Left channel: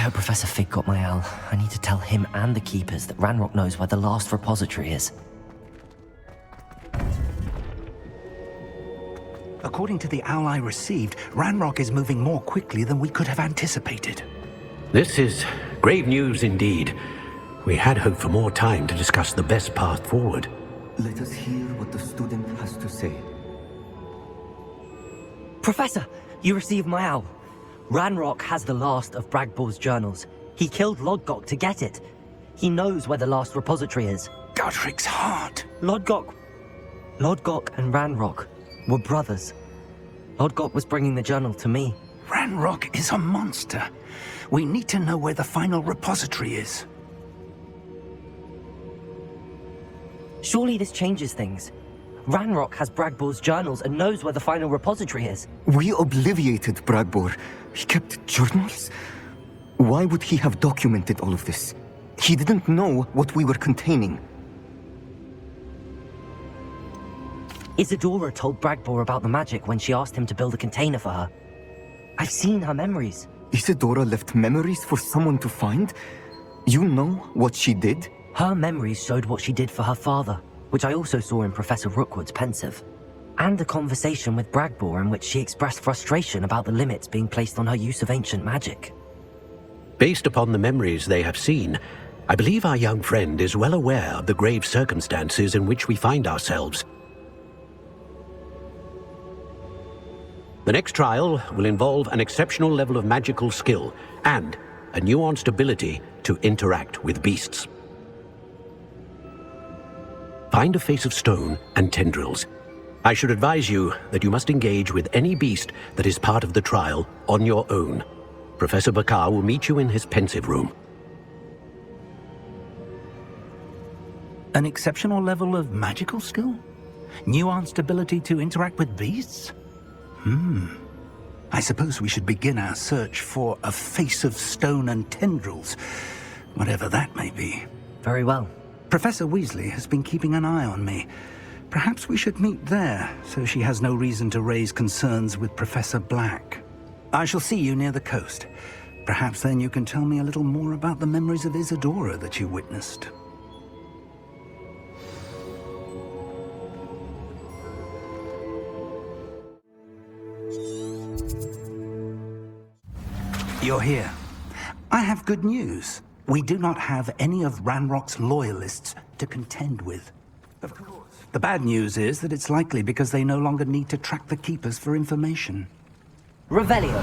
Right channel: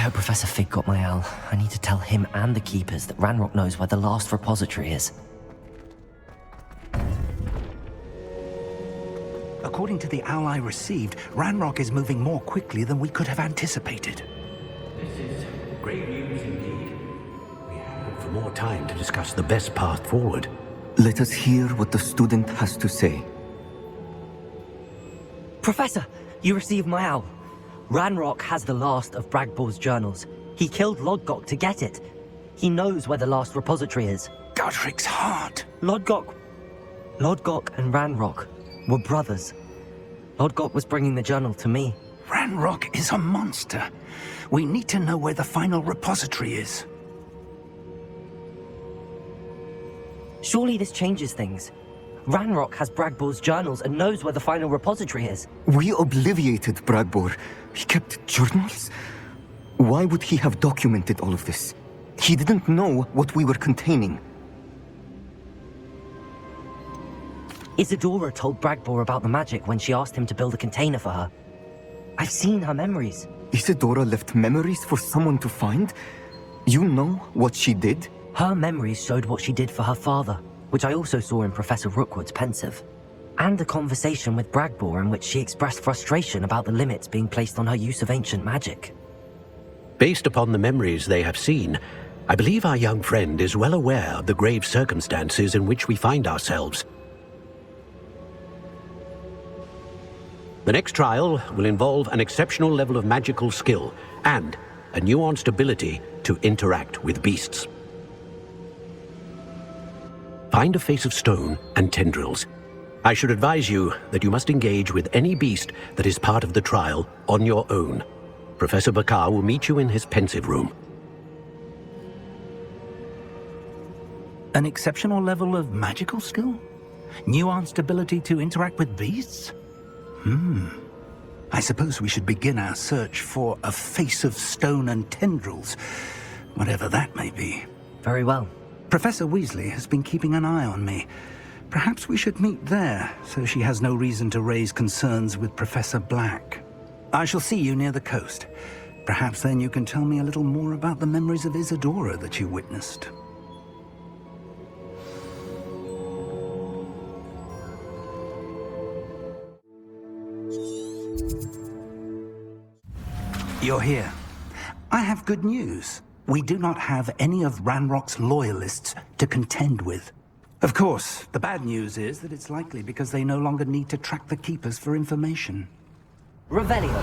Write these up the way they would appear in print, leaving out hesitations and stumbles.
hope Professor Fig got my owl. I need to tell him and the Keepers that Ranrock knows where the last repository is. According to the owl I received, Ranrock is moving more quickly than we could have anticipated. This is great news indeed. We had hoped for more time to discuss the best path forward. Let us hear what the student has to say. Professor, you received my owl. Ranrock has the last of Bragbor's journals. He killed Lodgok to get it. He knows where the last repository is. Godric's heart. Lodgok and Ranrock were brothers. Lodgok was bringing the journal to me. Ranrock is a monster. We need to know where the final repository is. Surely this changes things. Ranrock has Bragbor's journals and knows where the final repository is. We obliviated Bragbor. He kept journals? Why would he have documented all of this? He didn't know what we were containing. Isadora told Bragbor about the magic when she asked him to build a container for her. I've seen her memories. Isadora left memories for someone to find? You know what she did? Her memories showed what she did for her father, which I also saw in Professor Rookwood's Pensieve, and a conversation with Bragbor in which she expressed frustration about the limits being placed on her use of ancient magic. Based upon the memories they have seen, I believe our young friend is well aware of the grave circumstances in which we find ourselves. The next trial will involve an exceptional level of magical skill and a nuanced ability to interact with beasts. Find a face of stone and tendrils. I should advise you that you must engage with any beast that is part of the trial on your own. Professor Bakar will meet you in his Pensieve room. An exceptional level of magical skill? Nuanced ability to interact with beasts? I suppose we should begin our search for a face of stone and tendrils, whatever that may be. Very well. Professor Weasley has been keeping an eye on me. Perhaps we should meet there, so she has no reason to raise concerns with Professor Black. I shall see you near the coast. Perhaps then you can tell me a little more about the memories of Isadora that you witnessed. You're here. I have good news. We do not have any of Ranrock's loyalists to contend with. Of course, the bad news is that it's likely because they no longer need to track the Keepers for information. Revelio.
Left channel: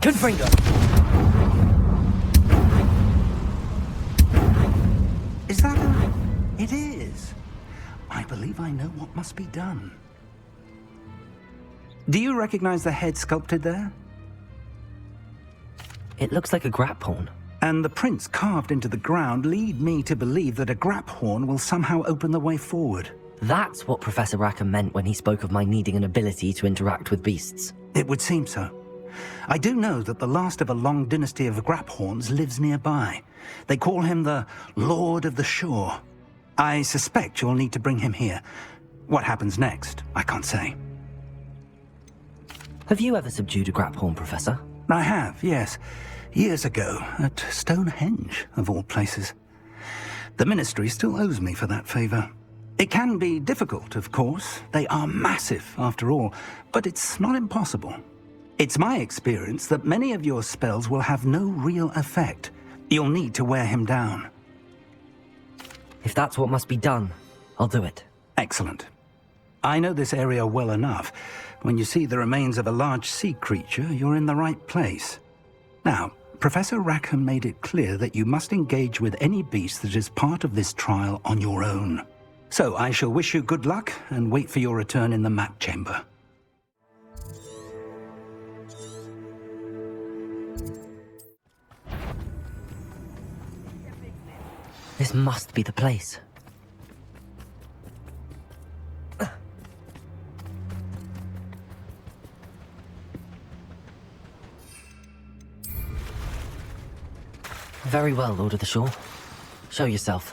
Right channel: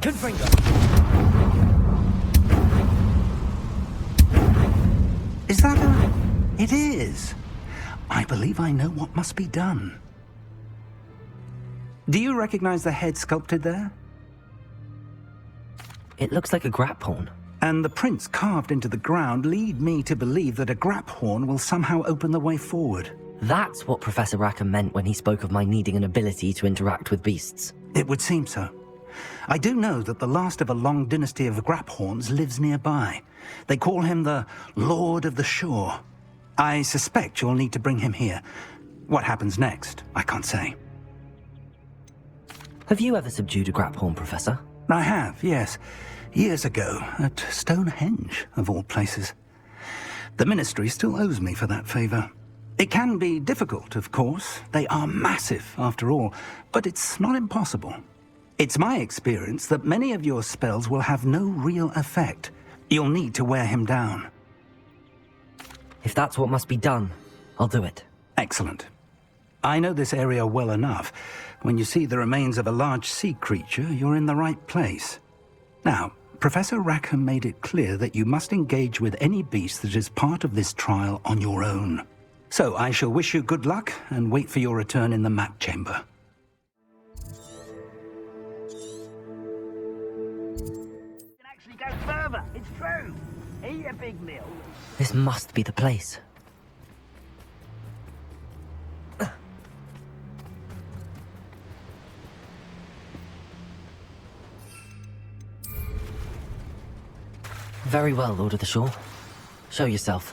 Confringo. Is that It is. I believe I know what must be done. Do you recognize the head sculpted there? It looks like a Graphorn. And the prints carved into the ground lead me to believe that a Graphorn will somehow open the way forward. That's what Professor Rackham meant when he spoke of my needing an ability to interact with beasts. It would seem so. I do know that the last of a long dynasty of Graphorns lives nearby. They call him the Lord of the Shore. I suspect you'll need to bring him here. What happens next, I can't say. Have you ever subdued a Graphorn, Professor? I have, yes. Years ago, at Stonehenge, of all places. The Ministry still owes me for that favor. It can be difficult, of course. They are massive, after all, but it's not impossible. It's my experience that many of your spells will have no real effect. You'll need to wear him down. If that's what must be done, I'll do it. Excellent. I know this area well enough. When you see the remains of a large sea creature, you're in the right place. Now, Professor Rackham made it clear that you must engage with any beast that is part of this trial on your own. So I shall wish you good luck and wait for your return in the map chamber. Actually go further. It's true. Eat a big meal. This must be the place. Very well, Lord of the Shore. Show yourself.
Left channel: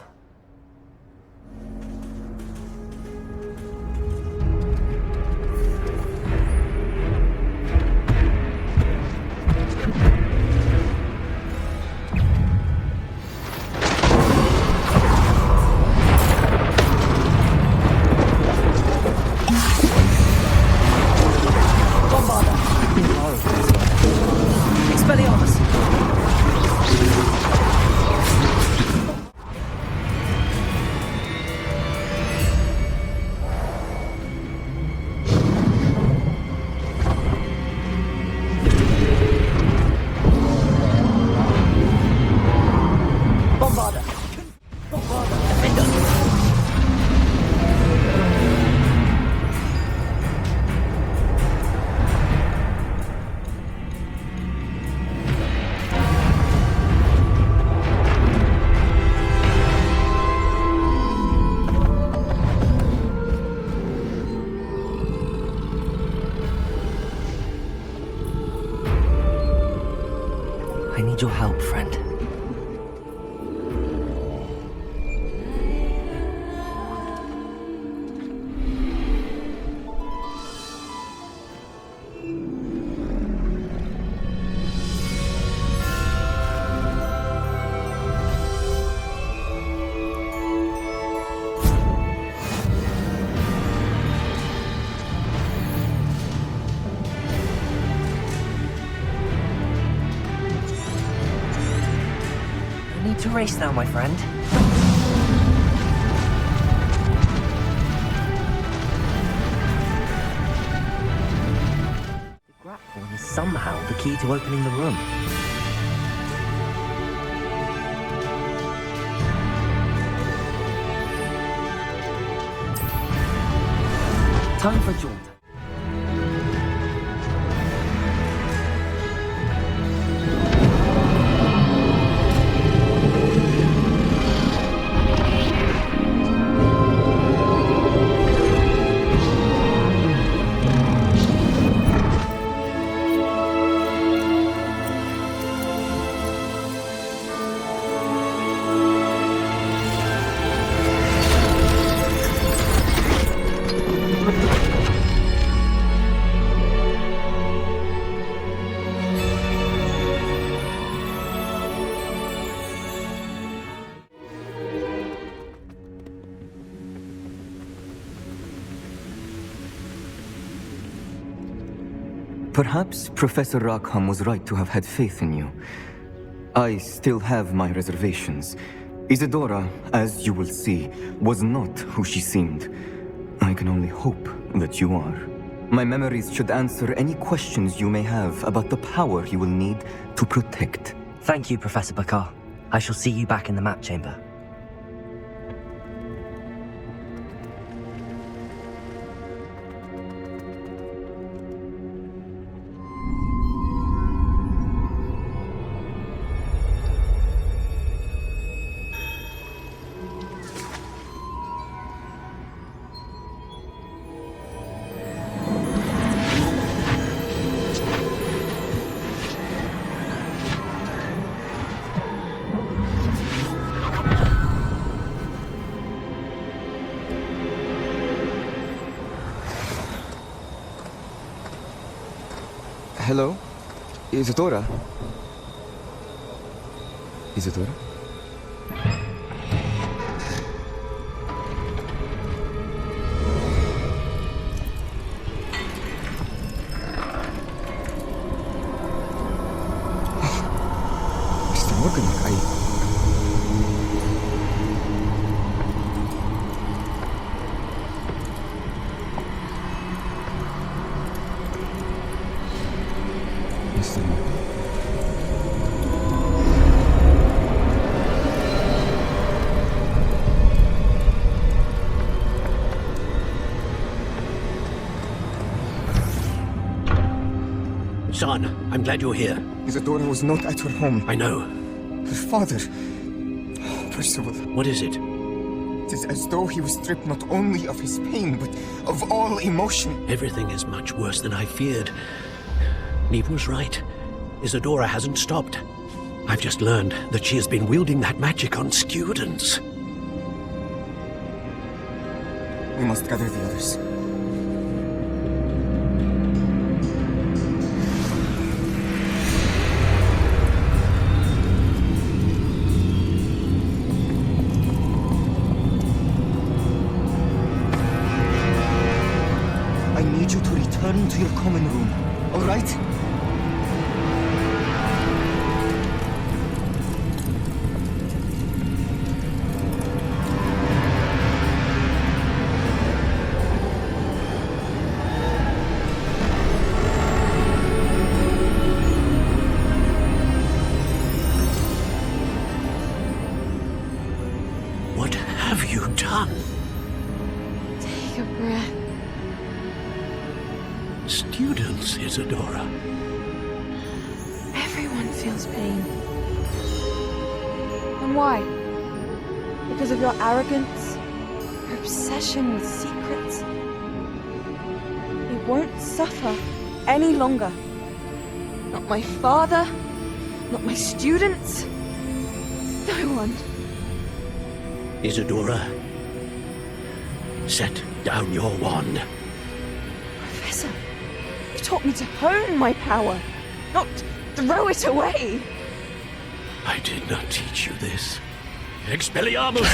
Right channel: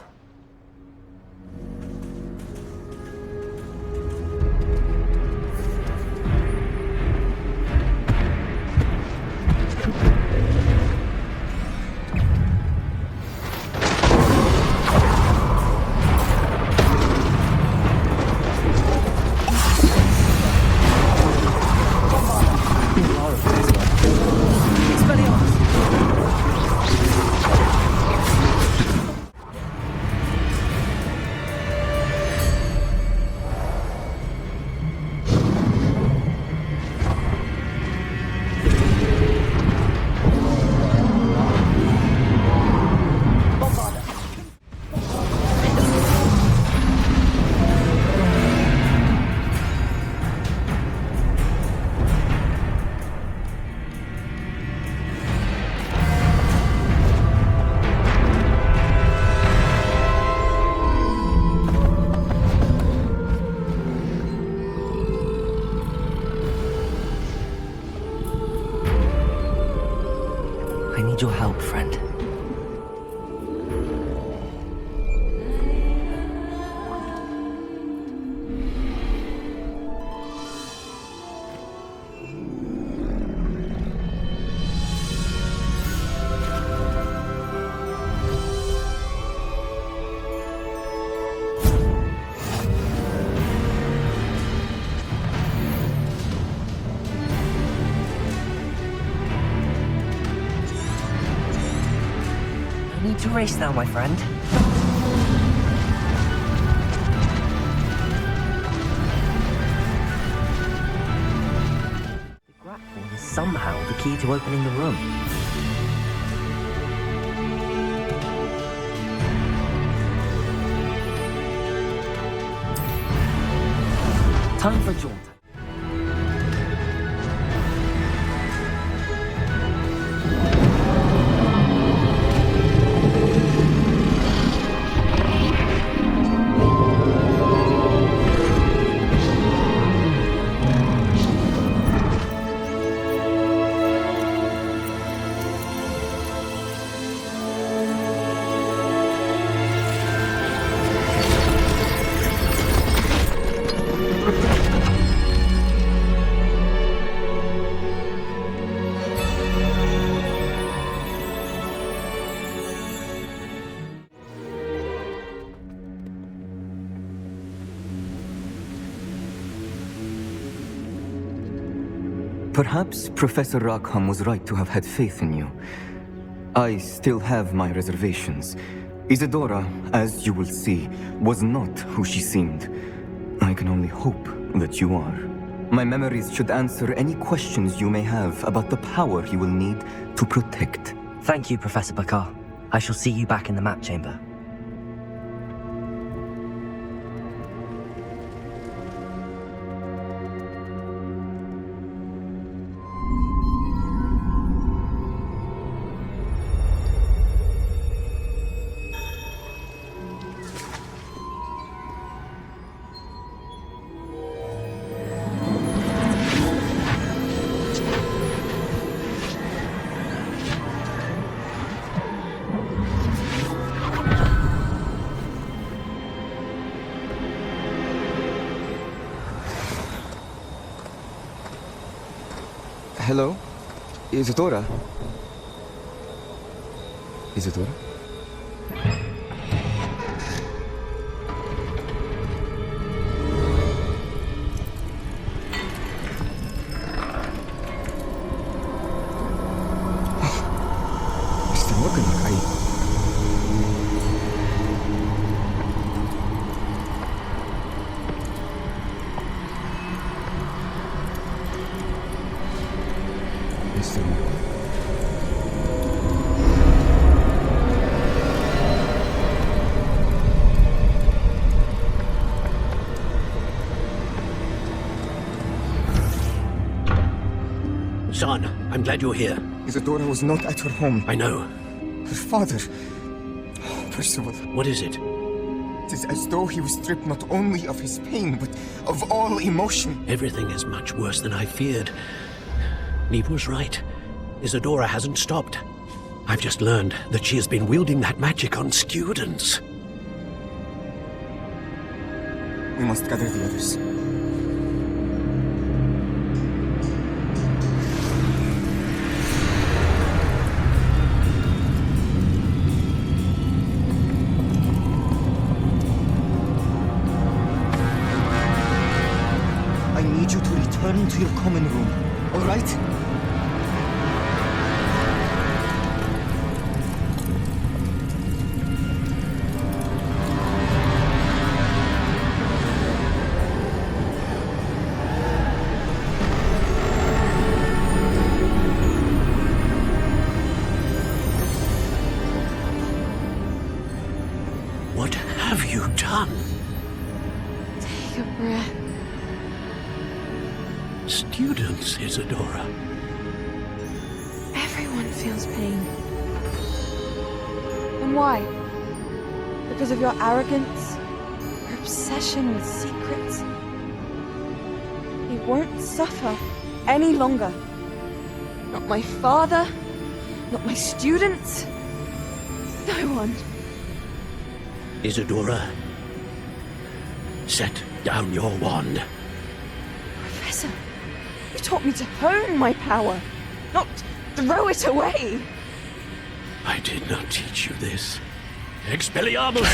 old friend. Need to race now, my friend. The Graphorn is somehow the key to opening the road. Time for jaunt. Perhaps Professor Rackham was right to have had faith in you. I still have my reservations. Isadora, as you will see, was not who she seemed. I can only hope that you are. My memories should answer any questions you may have about the power you will need to protect. Thank you, Professor Bakar. I shall see you back in the map chamber. Hello? Isadora? Isadora? Son, I'm glad you're here. Isadora was not at her home. I know. Her father... Poor soul. What is it? It is as though he was stripped not only of his pain, but of all emotion. Everything is much worse than I feared. Neve was right. Isadora hasn't stopped. I've just learned that she has been wielding that magic on students. We must gather the others. I need you to return to your common room, all right? What have you done? Take a breath. Students, Isadora. Everyone feels pain. And why? Because of your arrogance, your obsession with secrets. It won't suffer any longer. Not my father, Not my students. No one. Isadora, set down your wand. Professor, you taught me to hone my power, not throw it away. I did not teach you this. Expelliarmus!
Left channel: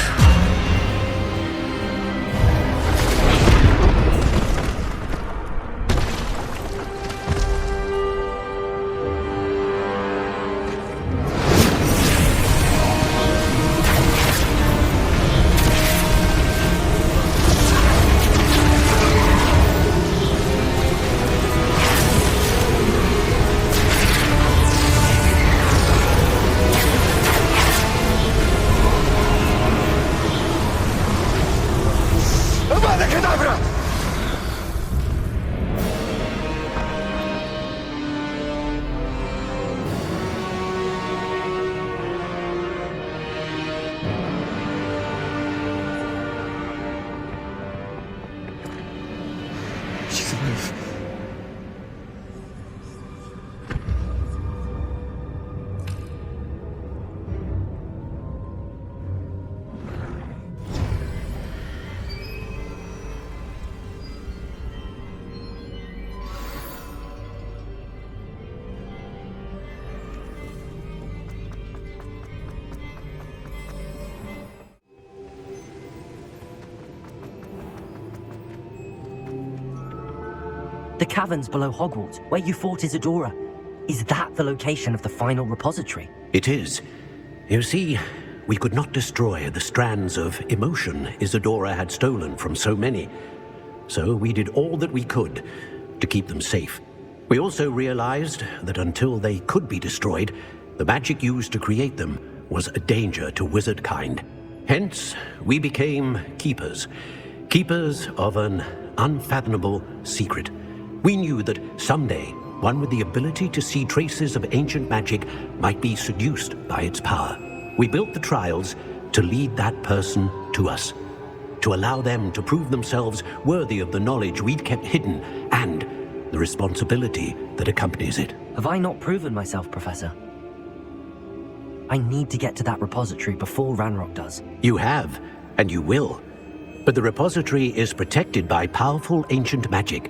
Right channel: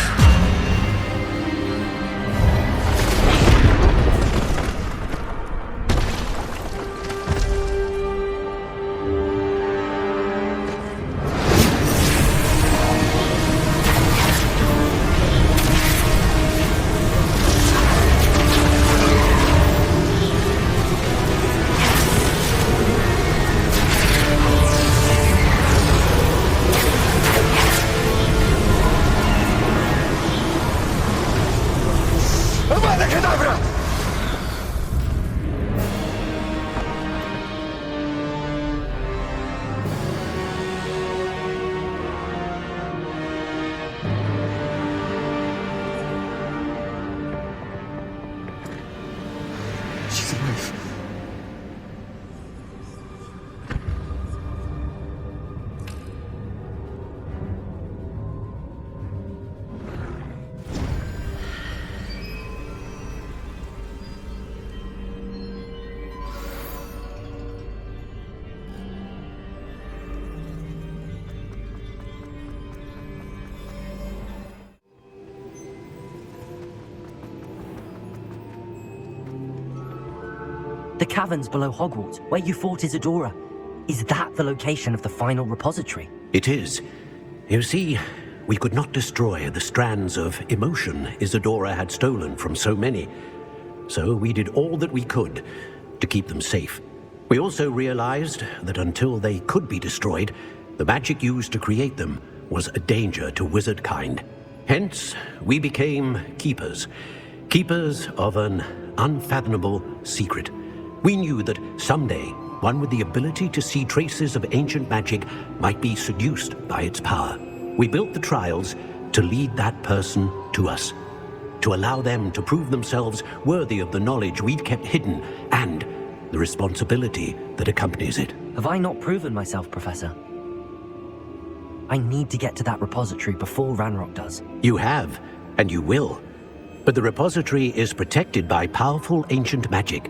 The caverns below Hogwarts, where you fought Isadora. Is that the location of the final repository? It is. You see, we could not destroy the strands of emotion Isadora had stolen from so many. So we did all that we could to keep them safe. We also realized that until they could be destroyed, the magic used to create them was a danger to wizard kind. Hence, we became keepers. Keepers of an unfathomable secret. We knew that someday, one with the ability to see traces of ancient magic might be seduced by its power. We built the trials to lead that person to us, to allow them to prove themselves worthy of the knowledge we'd kept hidden and the responsibility that accompanies it. Have I not proven myself, Professor? I need to get to that repository before Ranrock does. You have, and you will. But the repository is protected by powerful ancient magic.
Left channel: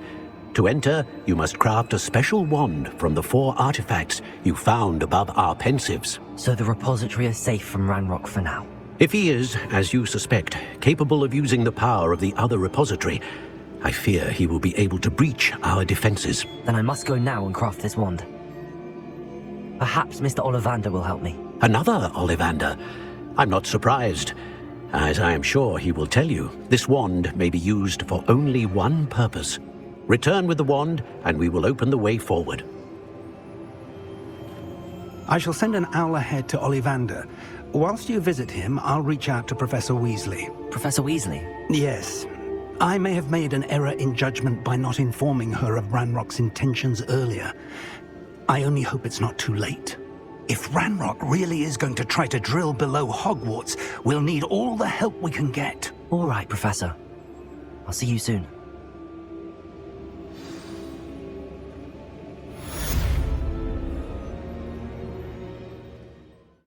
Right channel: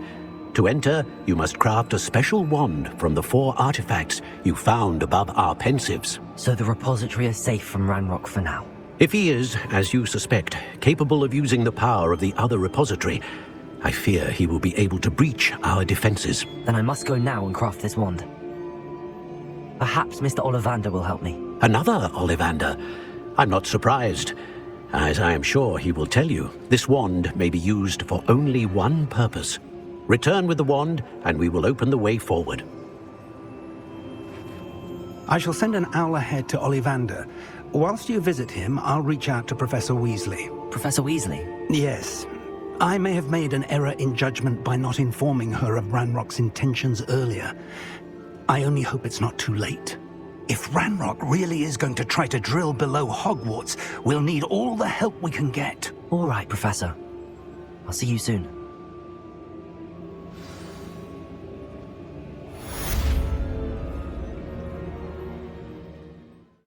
To enter, you must craft a special wand from the 4 artifacts you found above our Pensieves. So the repository is safe from Ranrock for now. If he is, as you suspect, capable of using the power of the other repository, I fear he will be able to breach our defenses. Then I must go now and craft this wand. Perhaps Mr. Ollivander will help me. Another Ollivander? I'm not surprised. As I am sure he will tell you, this wand may be used for only one purpose. Return with the wand, and we will open the way forward. I shall send an owl ahead to Ollivander. Whilst you visit him, I'll reach out to Professor Weasley. Professor Weasley? Yes. I may have made an error in judgment by not informing her of Ranrock's intentions earlier. I only hope it's not too late. If Ranrock really is going to try to drill below Hogwarts, we'll need all the help we can get. All right, Professor. I'll see you soon.